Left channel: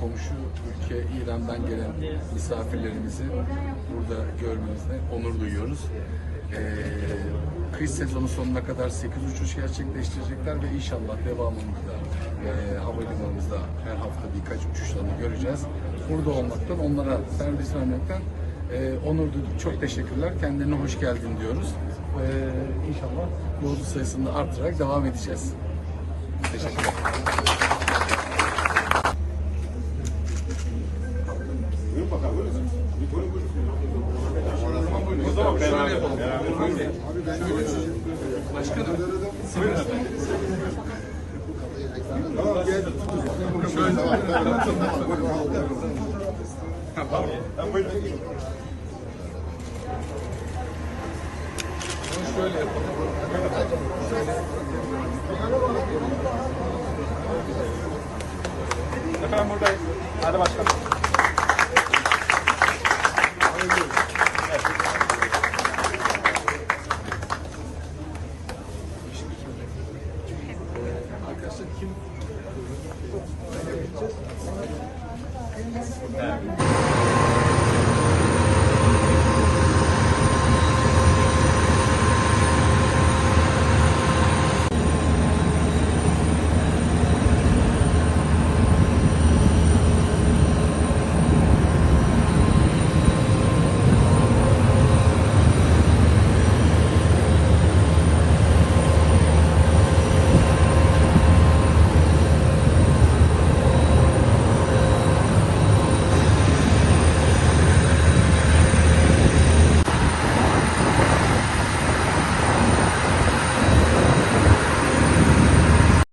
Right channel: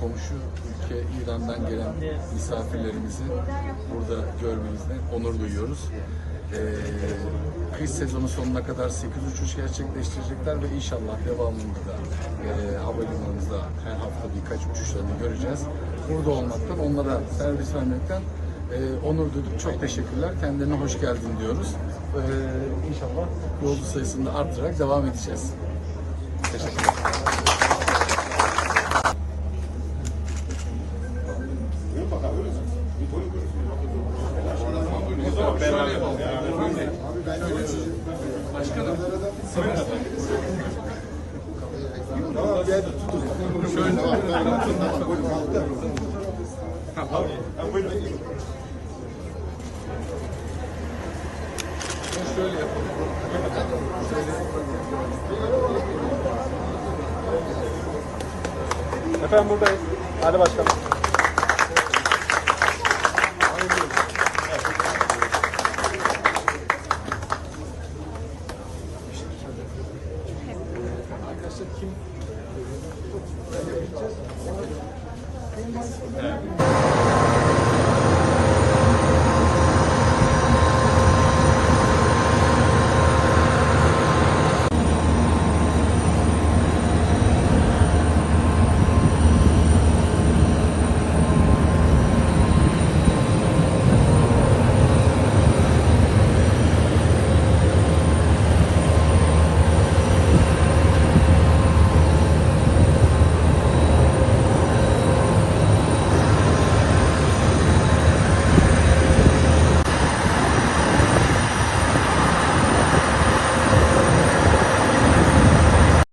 komşu ülke İran'dan gelen misafirlerimizi burada görmemizde onur duyuyoruz. Ee, kış sezonu sonuna kadar 8 uçuş gerçekleştirecekler ve inşallah devamında da e, havalimanımızda her hafta birkaç uçuşlarını göreceğiz. Burada olmaktan, onlara servis vermekten e, onur duyduk. Çok teşekkürler. Kendilerine hoş geldin diyoruz. Ee, inşallah yolcu sayısını da arttırarak devam edeceğiz. Teşekkürler. O zaman şöyle yapalım. Şöyle. Başkanım. Tamam gel. Şöyle. Ama şöyle yapalım. Efendim buradayız. Hadi başlayalım. Arkadaşlar kim? Evet.